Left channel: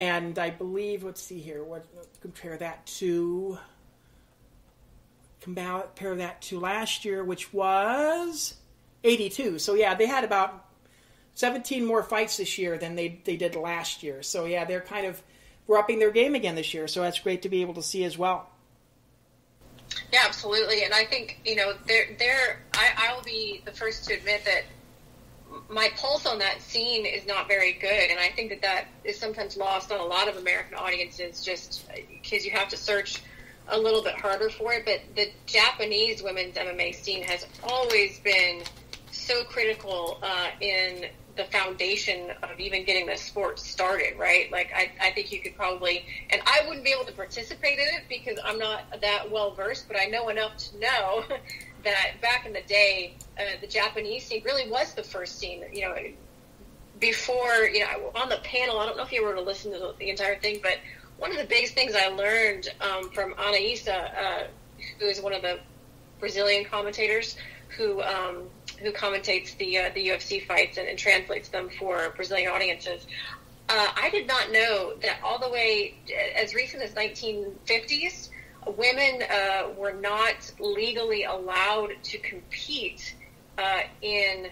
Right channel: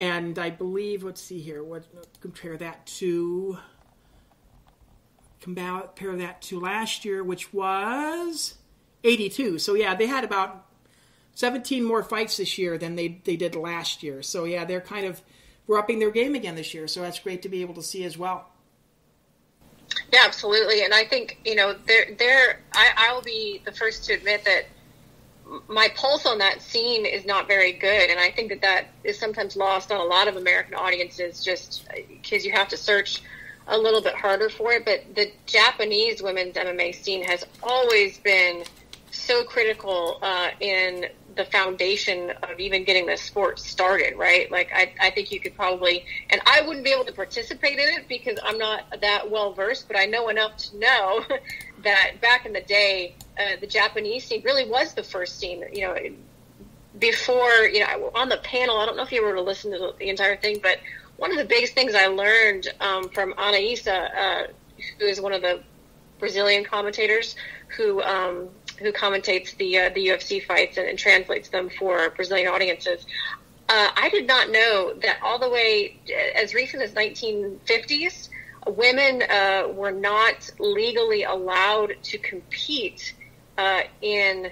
And I believe, let's see here, compare that to last year, which was 82. So yeah, they had about 17 more fights this year than they did last year. So yeah, we're upping their game again this year. So that's great to be able to see as well. Yeah, absolutely. And I think, I'll be the first to admit that my pulse on that scene is not very good. And I think that is sometimes lost on a lot of American audiences just because you have to search a little bit harder for it. But the Japanese women's MMA scene has always been so critical in the foundation of even getting the sport started, right? Like, I think you could probably, and I wouldn't be able to participate in it because I'm not that well versed, but I know enough to know that back in the day, the Japanese scene really was the first scene, before, on the panel, I don't know if you were to listen to the entire thing, but one of the biggest things I learned from Anaísa, who is one of the Brazilian commentators who commentates the UFC fights and translates them for Brazilian audiences. I did not know that all the way as recent as 1950s, women were not legally allowed to compete in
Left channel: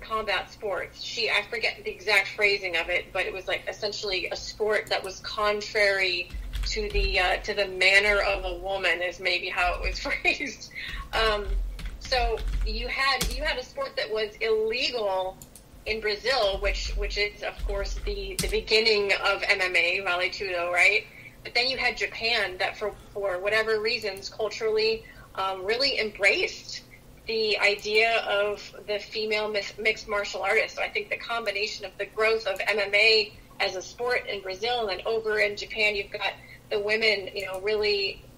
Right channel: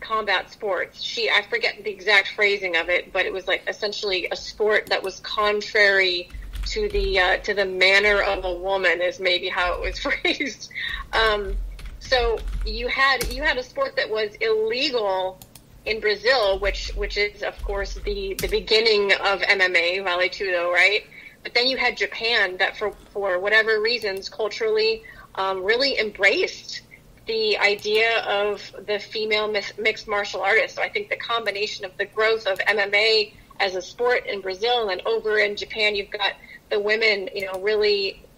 combat sports. I forget the exact phrasing of it, but it was like essentially a sport that was contrary to the manner of a woman, is maybe how it was phrased. So you had a sport that was illegal in Brazil, which is of course the beginning of MMA, Vale Tudo, right? But then you had Japan that for whatever reasons culturally really embraced the idea of the female mixed martial artist. So I think the combination of the growth of MMA as a sport in Brazil and over in Japan, you've got the women,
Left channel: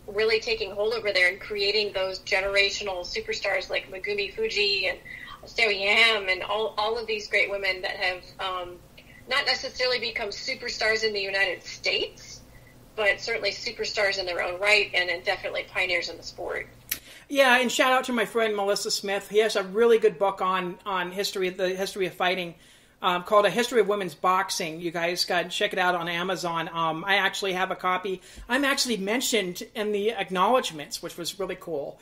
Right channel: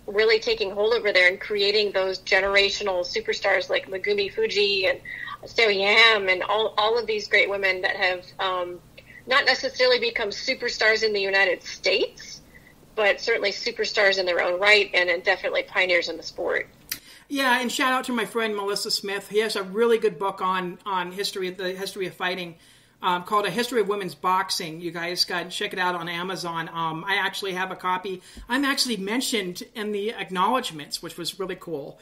really taking hold over there and creating those generational superstars like Megumi Fuji and Seo Yam and all of these great women that have not necessarily become superstars in the United States, but certainly superstars in their own right and definitely pioneers in the sport. Yeah, and shout out to my friend Melissa Smith. He has a really good book on the history of fighting called A History of Women's Boxing. You guys got check it out on Amazon. I actually have a copy. I'm actually mentioned in the acknowledgments, which was really cool.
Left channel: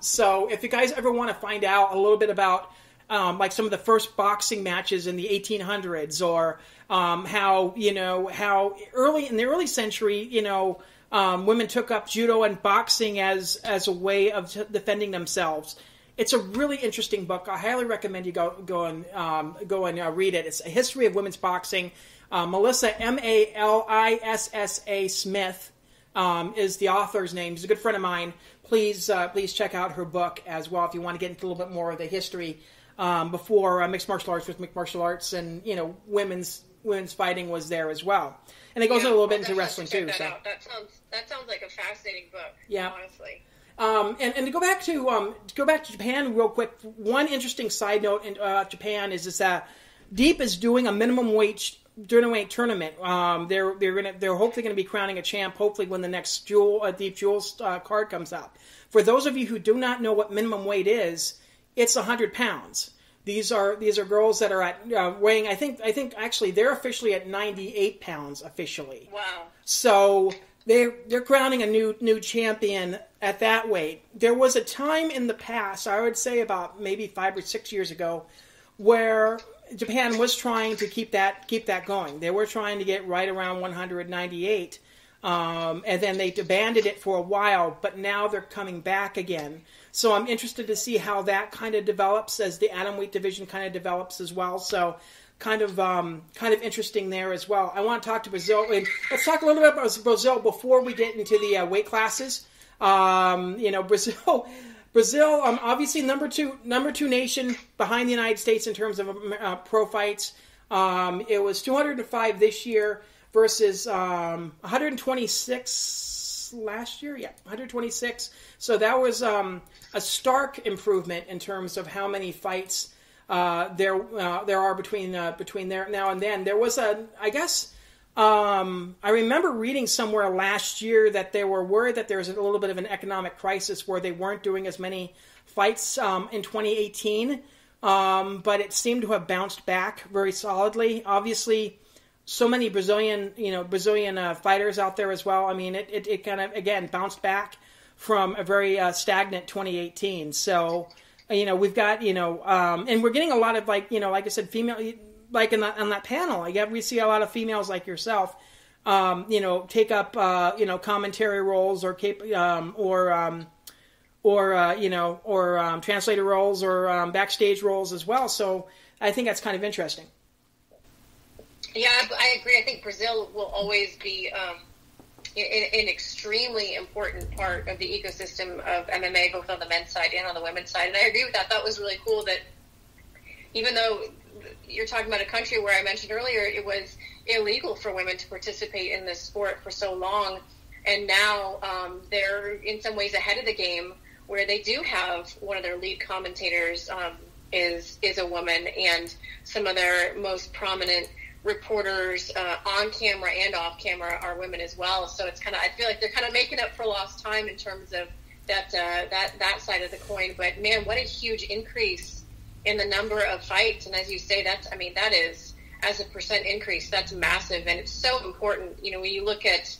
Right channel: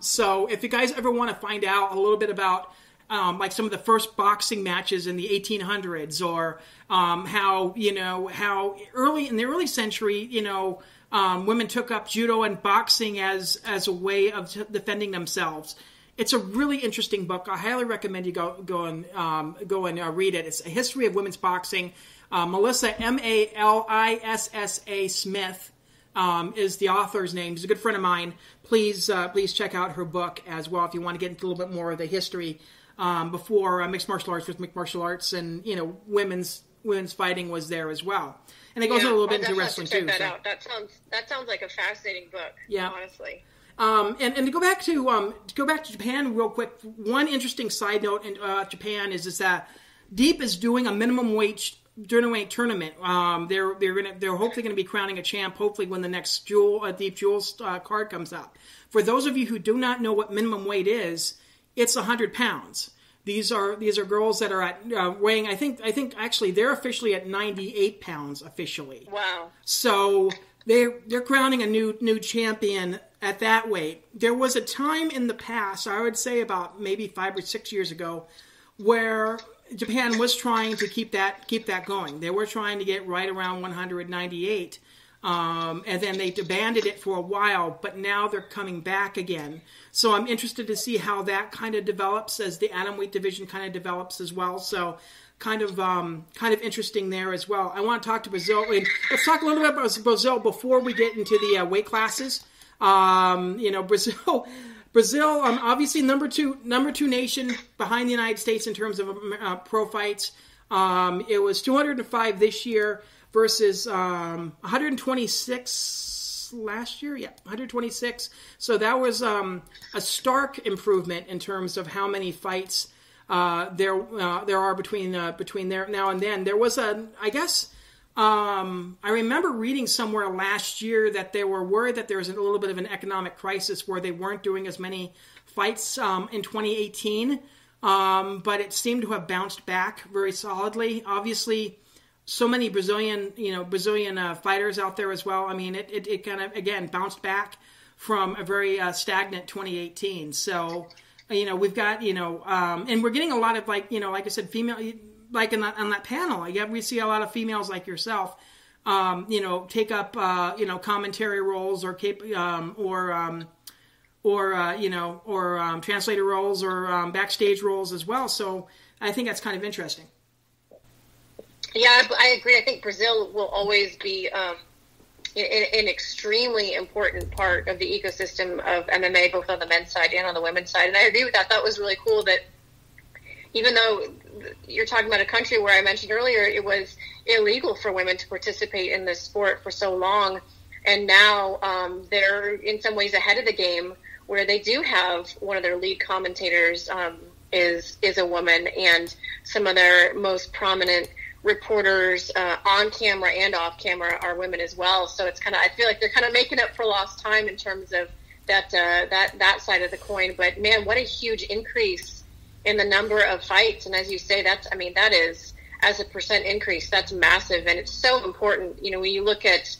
So if you guys ever want to find out a little bit about like some of the first boxing matches in the 1800s, or how early in the early century, women took up judo and boxing as a way of defending themselves. It's a really interesting book. I highly recommend you go and read it. It's A History of Women's Boxing. Melissa, Malissa Smith, is the author's name. She's a good friend of mine. Please check out her book as well if you want to get into a little bit more of the history before mixed martial arts with mixed martial arts, and women's fighting was there as well. And it goes a little bit into wrestling too. That sounds like a fascinating book. Yeah, honestly. And to go back to Japan real quick. One interesting side note in Japan is that Deep is doing a minimum weight tournament. They're hopefully going to be crowning a champ. Hopefully when the next Deep Jewels card comes up. For those of you who do not know what minimum weight is, it's 100 pounds. These are girls that are at weighing. I think actually they're officially at 98 pounds officially. Wow. So they're crowning a new champion at that weight. There was a time in the past, I would say about maybe 5 or 6 years ago, where Japan was trying to keep that going. They were trying to get right around 198, and then they abandoned it for a while. But now they're coming back again. So I'm interested to see how that kind of develops as the atomweight division kind of develops as well. So kind of interesting there as well. I want to talk to Brazil. Let's talk a little bit about Brazil before we get into the weight classes. Brazil, obviously number two nation behind the United States in terms of pro fights. It was 205 this year versus 126 last year. Yeah, 126. So that was a stark improvement in terms of how many fights there are between there now and then. There was I remember reading somewhere last year that they were worried that there was a little bit of an economic crisis where they weren't doing as many fights in 2018, but it seemed to have bounced back very solidly. Obviously, so many Brazilian fighters out there as well. I mean, it kind of, again, bounced back from a very stagnant 2018. So, we've got, and we're getting a lot of, like I said, female, like on that panel, we see a lot of females like yourself, take up, commentary roles or translator roles or backstage roles as well. So I think that's kind of interesting. Yeah, I agree. I think Brazil will always be an extremely important part of the ecosystem of MMA, both on the men's side and on the women's side. And I agree with that. That was really cool that even though you're talking about a country where I mentioned earlier it was illegal for women to participate in this sport for so long, and now they're in some ways ahead of the game, where they do have one of their lead commentators is a woman, and some of their most prominent reporters on camera and off camera are women as well. So it's kind of, I feel like they're kind of making up for lost time in terms of that side of the coin. But man, what a huge increase in the number of fights. And as you say, that is, as a percent increase, that's massive. And it's so important, when you look at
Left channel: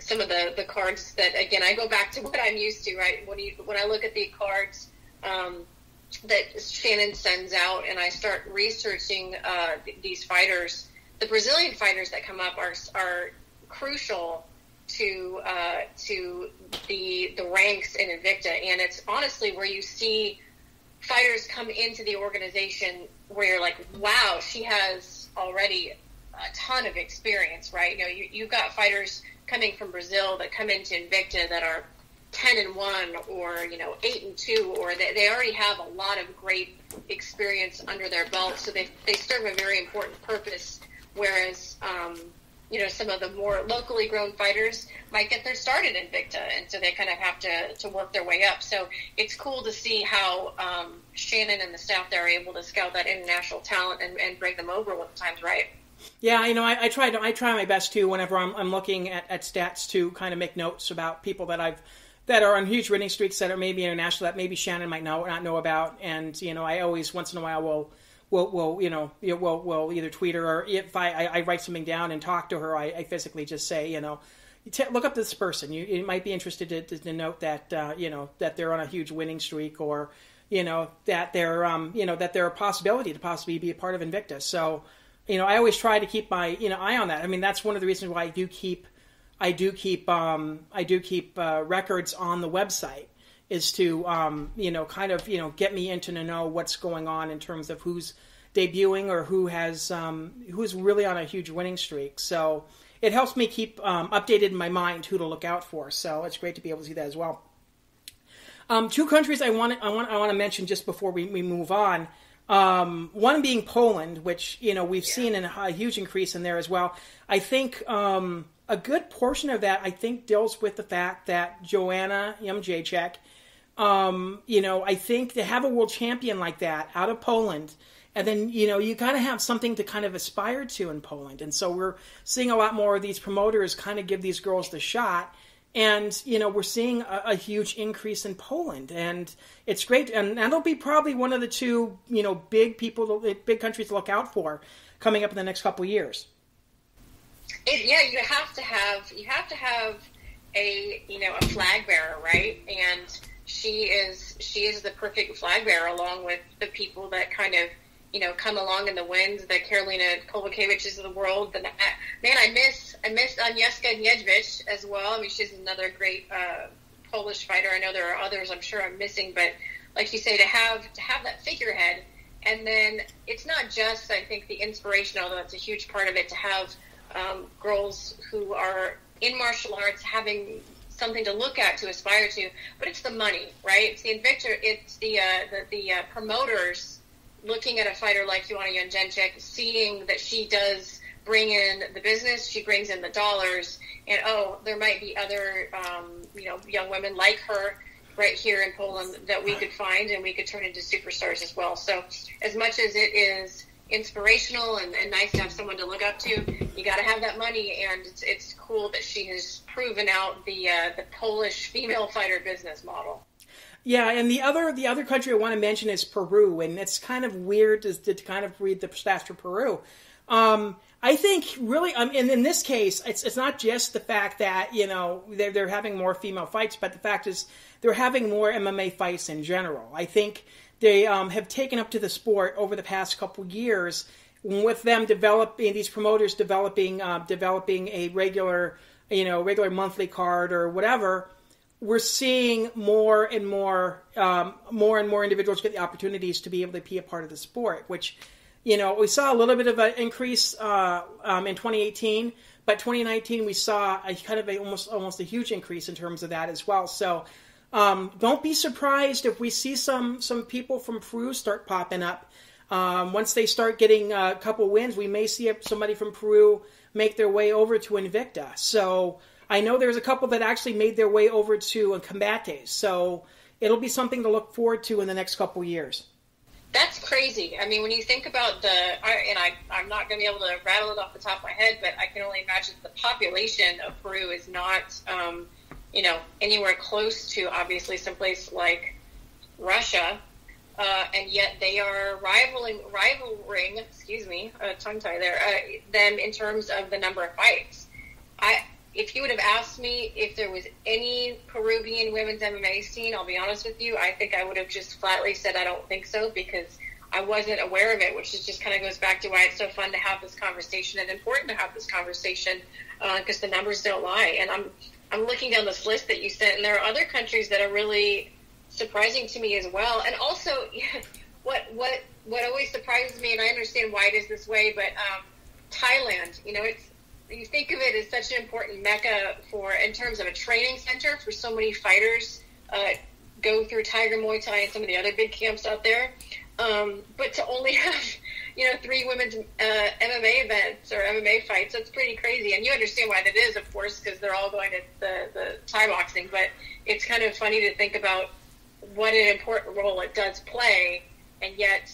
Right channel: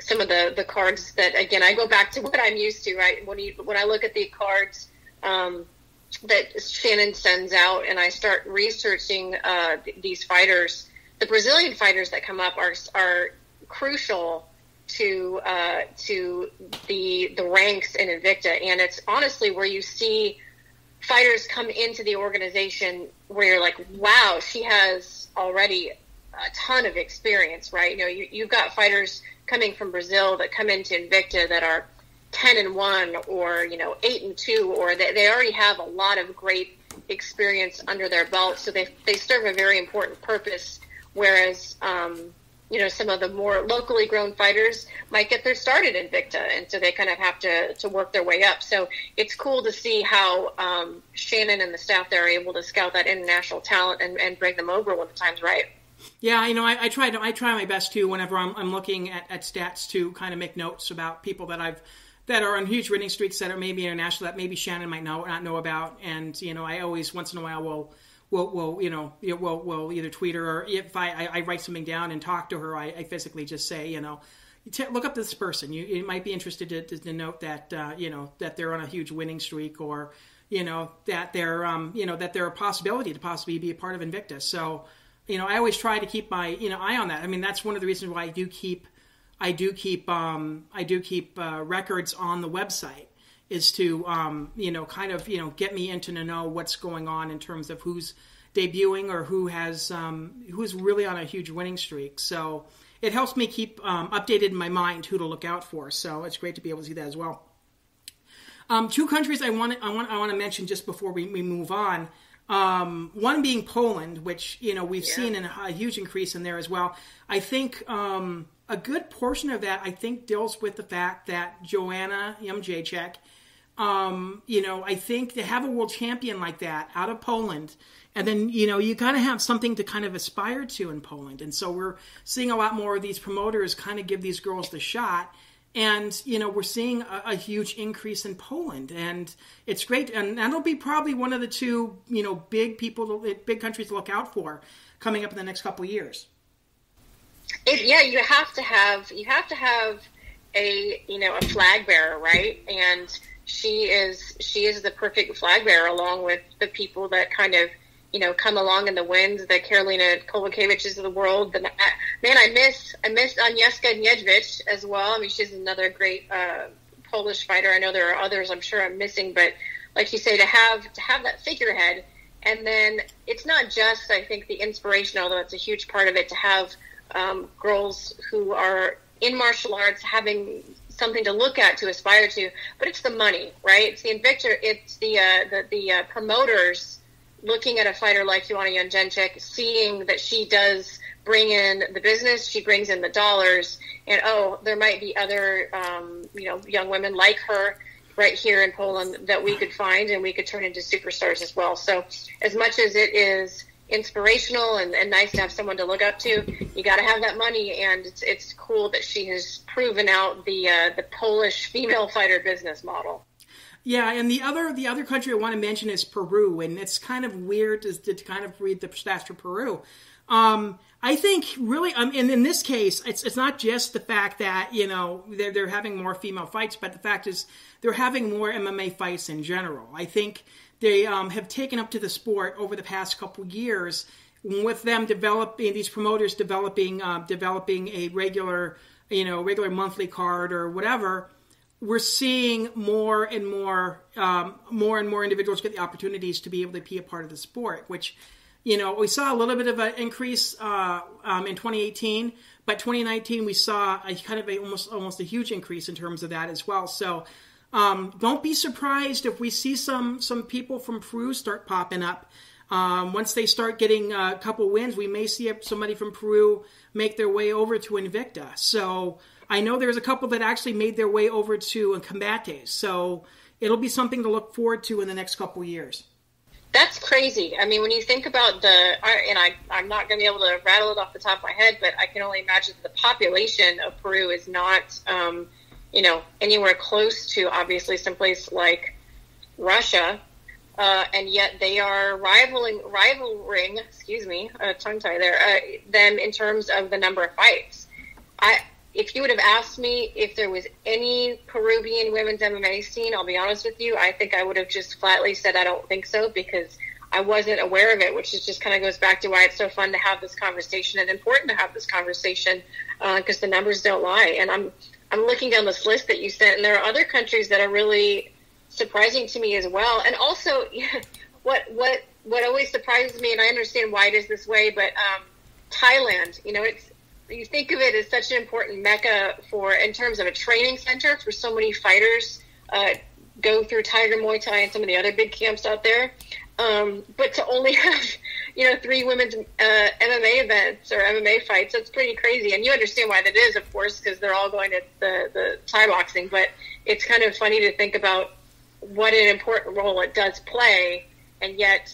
some of the cards that, again, I go back to what I'm used to, right? When I look at the cards that Shannon sends out and I start researching these fighters, the Brazilian fighters that come up are crucial to the ranks in Invicta. And it's honestly where you see fighters come into the organization where you're like, wow, she has already a ton of experience, right? You've got fighters coming from Brazil that come into Invicta that are 10-1 or 8-2, or they already have a lot of great experience under their belt, so they serve a very important purpose. Whereas some of the more locally grown fighters might get their start at Invicta, and so they kind of have to work their way up. So it's cool to see how Shannon and the staff there are able to scout that international talent and bring them over when the time's right. Yeah, I try my best too whenever I'm looking at stats to kind of make notes about people that are on huge winning streaks that are maybe international that maybe Shannon might not know about. And I always once in a while will either tweet her, or if I write something down and talk to her, I physically just say, look up this person. You might be interested to note that that they're on a huge winning streak, or that they're that they're a possibility to possibly be a part of Invicta. So I always try to keep my eye on that. I mean, that's one of the reasons why I do keep records on the website, is to kind of get me into to know what's going on in terms of who's debuting or who's really on a huge winning streak. So it helps me keep updated in my mind who to look out for. So it's great to be able to see that as well. Two countries I want to mention just before we move on. One being Poland, which we've seen a huge increase in there as well. I think a good portion of that, I think, deals with the fact that Joanna Jędrzejczyk, I think to have a world champion like that out of Poland, and then, you got to have something to kind of aspire to in Poland. And so we're seeing a lot more of these promoters kind of give these girls the shot. And, we're seeing a huge increase in Poland, and it's great. And that'll be probably one of the two, big countries to look out for coming up in the next couple of years. You have to have a flag bearer, right? And she is the perfect flag bearer, along with the people that kind of come along in the winds, the Karolina Kowalkiewicz's of the world. I miss Agnieszka Niedźwiedź as well. I mean, she's another great Polish fighter. I know there are others I'm sure I'm missing, but like you say, to have that figurehead, and then it's not just, I think, the inspiration, although it's a huge part of it, to have girls who are in martial arts having something to look at, to aspire to, but it's the money, right? It's the Invicta, it's the promoters looking at a fighter like Joanna Jędrzejczyk, seeing that she does bring in the business, she brings in the dollars, and there might be other young women like her right here in Poland that we could find and we could turn into superstars as well. So as much as it is inspirational and nice to have someone to look up to, you got to have that money, and it's cool that she has proven out the Polish female fighter business model. Yeah, and the other country I want to mention is Peru, and it's kind of weird to kind of read the stats for Peru. I think really, in this case, it's not just the fact that, they're having more female fights, but the fact is they're having more MMA fights in general. I think they have taken up to the sport over the past couple years with them developing, these promoters developing a regular monthly card or whatever. We're seeing more and more individuals get the opportunities to be able to be a part of the sport, which, we saw a little bit of an increase in 2018, but 2019 we saw a kind of almost a huge increase in terms of that as well. So don't be surprised if we see some people from Peru start popping up. Once they start getting a couple wins, we may see somebody from Peru make their way over to Invicta. So I know there's a couple that actually made their way over to Combates. So it'll be something to look forward to in the next couple years. That's crazy. I mean, when you think about I'm not going to be able to rattle it off the top of my head, but I can only imagine the population of Peru is not, anywhere close to obviously someplace like Russia, and yet they are rivaling, tongue tie there, them in terms of the number of fights. If you would have asked me if there was any Peruvian women's MMA scene, I'll be honest with you, I think I would have just flatly said I don't think so, because I wasn't aware of it, which is just kind of goes back to why it's so fun to have this conversation and important to have this conversation, because the numbers don't lie. And I'm looking down this list that you sent, and there are other countries that are really surprising to me as well. And also, what always surprises me, and I understand why it is this way, but Thailand, you think of it as such an important mecca in terms of a training center for so many fighters, go through Tiger Muay Thai and some of the other big camps out there. But to only have, 3 women's MMA events or MMA fights, that's pretty crazy. And you understand why that is, of course, because they're all going to the Thai boxing. But it's kind of funny to think about what an important role it does play. And yet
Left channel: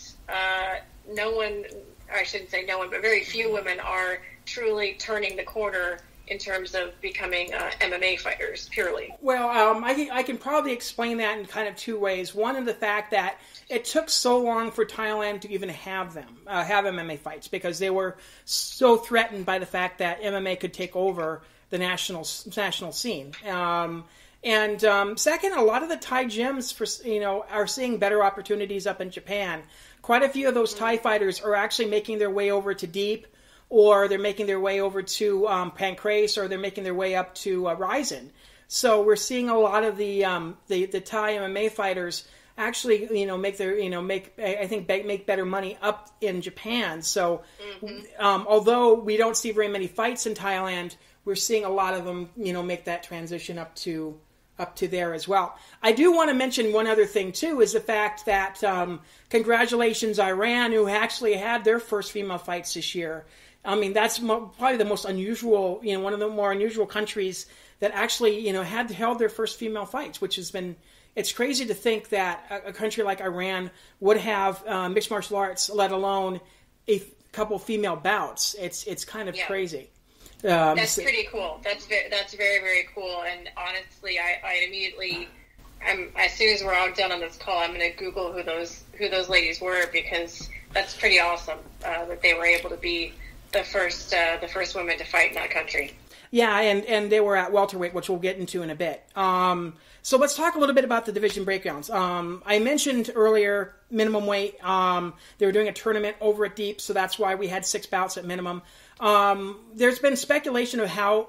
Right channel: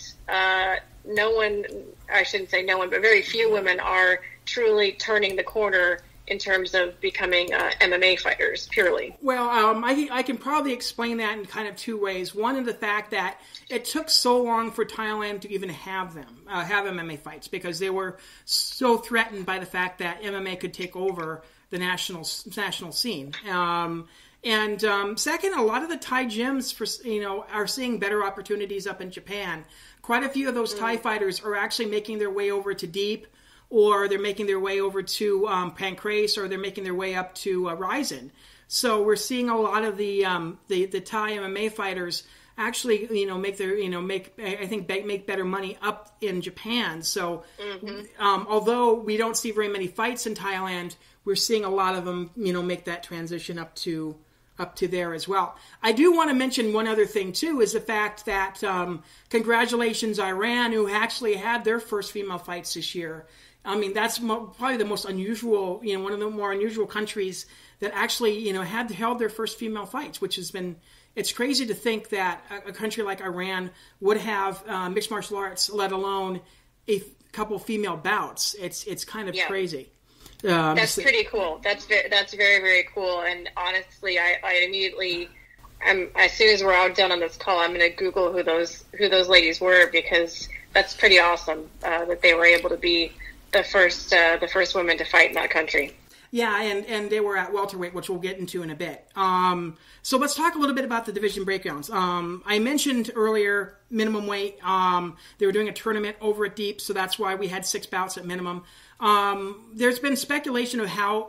no one, I shouldn't say no one, but very few women are truly turning the corner in terms of becoming MMA fighters, purely. Well, I can probably explain that in kind of 2 ways. One, in the fact that it took so long for Thailand to even have MMA fights, because they were so threatened by the fact that MMA could take over the national scene. And second, a lot of the Thai gyms are seeing better opportunities up in Japan. Quite a few of those Thai fighters are actually making their way over to Deep, or they're making their way over to Pancrase, or they're making their way up to Ryzen. So we're seeing a lot of the Thai MMA fighters actually, make better money up in Japan. So although we don't see very many fights in Thailand, we're seeing a lot of them, make that transition up to there as well. I do want to mention one other thing too, is the fact that congratulations Iran, who actually had their first female fights this year. I mean, that's probably the most unusual, one of the more unusual countries that actually, held their first female fights, which has been, it's crazy to think that a country like Iran would have mixed martial arts, let alone a couple female bouts. It's kind of crazy. That's pretty cool. That's very, very cool. And honestly, I immediately, as soon as we're all done on this call, I'm going to Google who those ladies were, because that's pretty awesome that they were able to be the first women to fight in that country. Yeah, and they were at welterweight, which we'll get into in a bit. So let's talk a little bit about the division breakdowns. I mentioned earlier minimum weight. They were doing a tournament over at Deep, so that's why we had 6 bouts at minimum. There's been speculation of how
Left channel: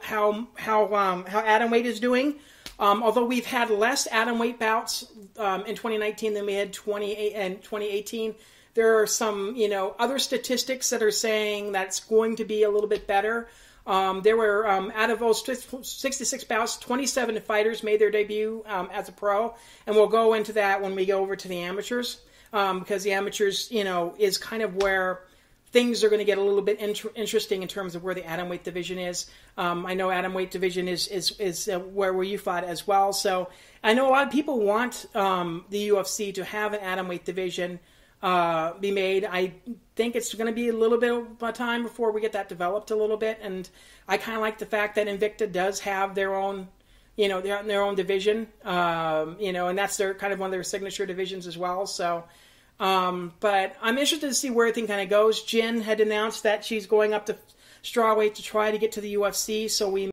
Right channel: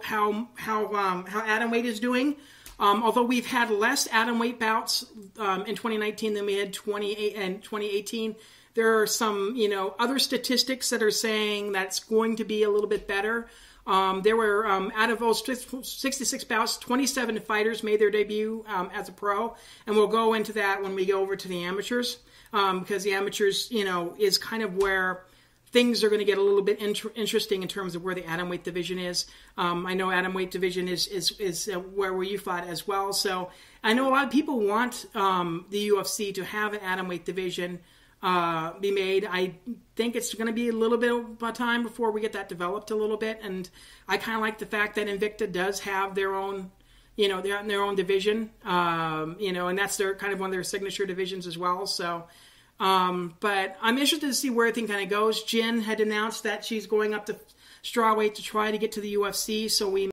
atomweight is doing. Although we've had less atomweight bouts in 2019 than we had in 2018. There are some, other statistics that are saying that it's going to be a little bit better. There were, out of those 66 bouts, 27 fighters made their debut as a pro. And we'll go into that when we go over to the amateurs, because the amateurs, is kind of where things are going to get a little bit interesting in terms of where the atomweight division is. I know atomweight division is where you fought as well. So I know a lot of people want the UFC to have an atomweight division be made. I think it's going to be a little bit of time before we get that developed a little bit, and I kind of like the fact that Invicta does have their own, their own division, and that's their kind of one of their signature divisions as well. So, but I'm interested to see where everything kind of goes. Jin had announced that she's going up to strawweight to try to get to the UFC. So we